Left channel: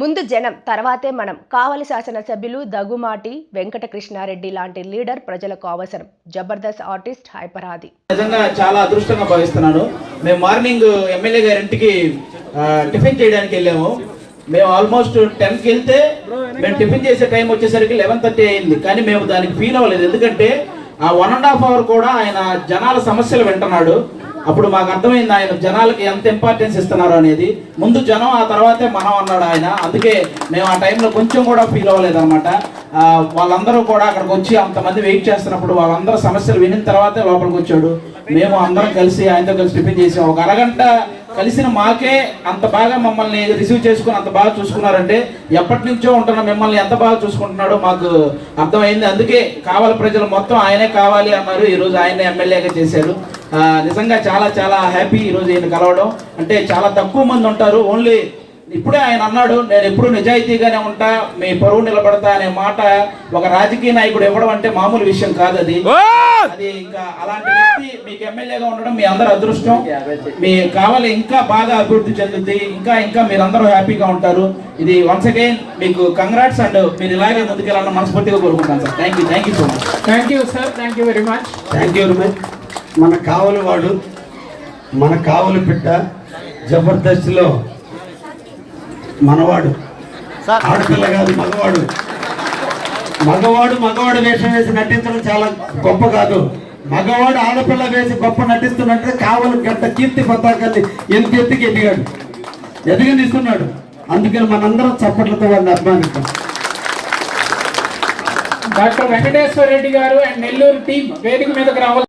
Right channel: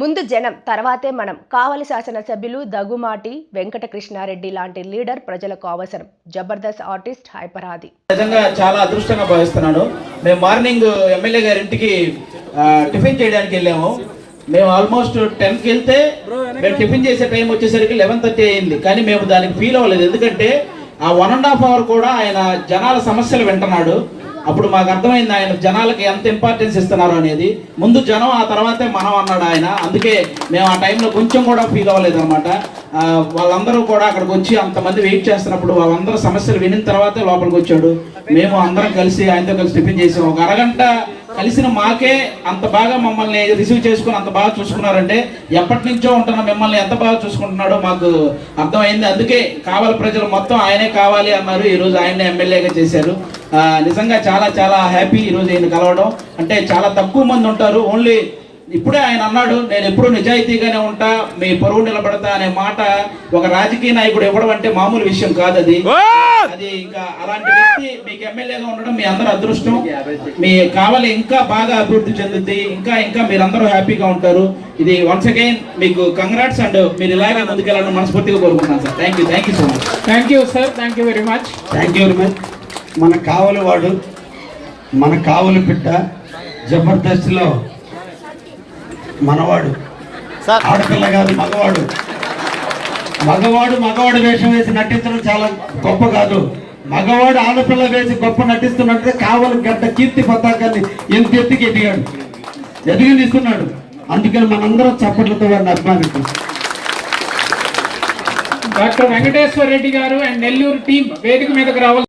ముందు జనం తర్వాతే మనం. కావలి శాసనసభ్యులు దగుమాటి వెంకటకృష్ణారెడ్డి లాంటి లీడర్ ప్రజలకు అవసరం. జబర్దస్త్ ఆర్టిస్ట్ హైపరాది. నిజంగా చాలా అదృష్టంగా భావిస్తున్నాను. మేము మార్నింగ్ ఎమ్మెల్యే గారి ఇంటికి టిఫిన్ చేయడానికి వెళ్ళాము. మేము ఆల్మోస్ట్ టెన్కి వెళ్తే మేము టిఫిన్ చేసే టైం వచ్చేసరికి లెవెన్ థర్టీ అయింది. కానీ మేము దానికి ఫీల్ అవ్వలేదు. ఎందుకంటే ఆ వన్ అండ్ హాఫ్ అవర్ కూడా ఆయన జనాల సమస్యలు వింటున్నాడు. అప్పుడు మాకు అర్థమైంది ఆయన జనాలకి ఎంత ఇంపార్టెన్స్ ఇస్తున్నారు అనేది. ముందు జనం ఆ తర్వాతే మనం అన్నాడు ఆయన. అందుకే మేము ఆ టైంలో కొంచెం కూడా ఫీల్ అవ్వలేదన్నమాట. వాళ్ళందరూ కూడా అక్కడికి వచ్చి అంతమంది వెయిట్ చేస్తున్నప్పుడు వాళ్ళందరూ సమస్యలు వినిన తర్వాతే లోపలికి వచ్చాడు. మేము అందరం కలిసి ఆయనతో కలిసి టిఫిన్ చేసాం. ఒక అరగంట కలిసిన మాకే అంత బాగా మమ్మల్ని రిసీవ్ చేసుకుని అంత బాగా చూసుకున్నారంటే ఎప్పటి నుంచో ఉంటున్న మిమ్మల్ని ఎంత బాగా చూసుకుంటున్నాడో మాకు అర్థమైంది. అందుకే కావాలి ప్రజలు మొత్తం ఆయనే కావాలి అన్నారు. ఈ రోజు ఆయనే ఎమ్మెల్యేగా చేశారు. నిజంగా చాలా చాలా హ్యాపీ ఈ రోజు ఈయన కలవడం. అంటే చాలా తక్కువ మంది ఉంటారు. ఓన్లీ ఇప్పుడే ఆయన అన్నాడు నేను ఎప్పుడు నిజాయితీగానే ఉంటా మీ పరువు నిలబడతా అనే మాట ఒక రాజకీయ నాయకుడు ఇవ్వడం అంటే మామూలు విషయం కాదు అది. అది ఇంకా అలాంటి వ్యక్తి మీకు ఎమ్మెల్యేగా ఉండడం మీ అందరు అదృష్టం. మీ కావాలి ఇంకా బాగా అభివృద్ధి చెందుద్ది ఇంకా ఇంకా మీరందరూ హ్యాపీగా ఉంటారు. ఇది వన్స్ అగైన్ మీకు కంగ్రాట్స్ అండ్ మీరు ఇలాగే ముందుకెళ్ళడం మనస్ఫూర్తిగా కోరుకుంటాను sir. Thank you thank you so much thank you sir thank you very much thank you very much మన కావలి వాడు మన కావలి పిట్ట జబర్దస్త్లో మనవాడు. ఆడపిల్ల కాదు మగవాడు. మగవాడు మగవాడు వేషం వేసి నటించడం చాలా గొప్ప కాదు. మగవాడు ఆడపిల్ల వేసి గొప్ప నటిస్తున్నట్టే కావలి గడ్డ కీర్తి పతాకాన్ని ఎంత ఎత్తుకి ఎదిగాడు. ఎదిగనిస్తున్నాడు అందుకని మనందరం చప్పట్లతో వాడిని అభిమానిస్తాం డాక్టర్ వెంకటేశ్వర రెడ్డి గారు అండ్ నెల్లూరు టీం వేదిక మీదకి రావాలి.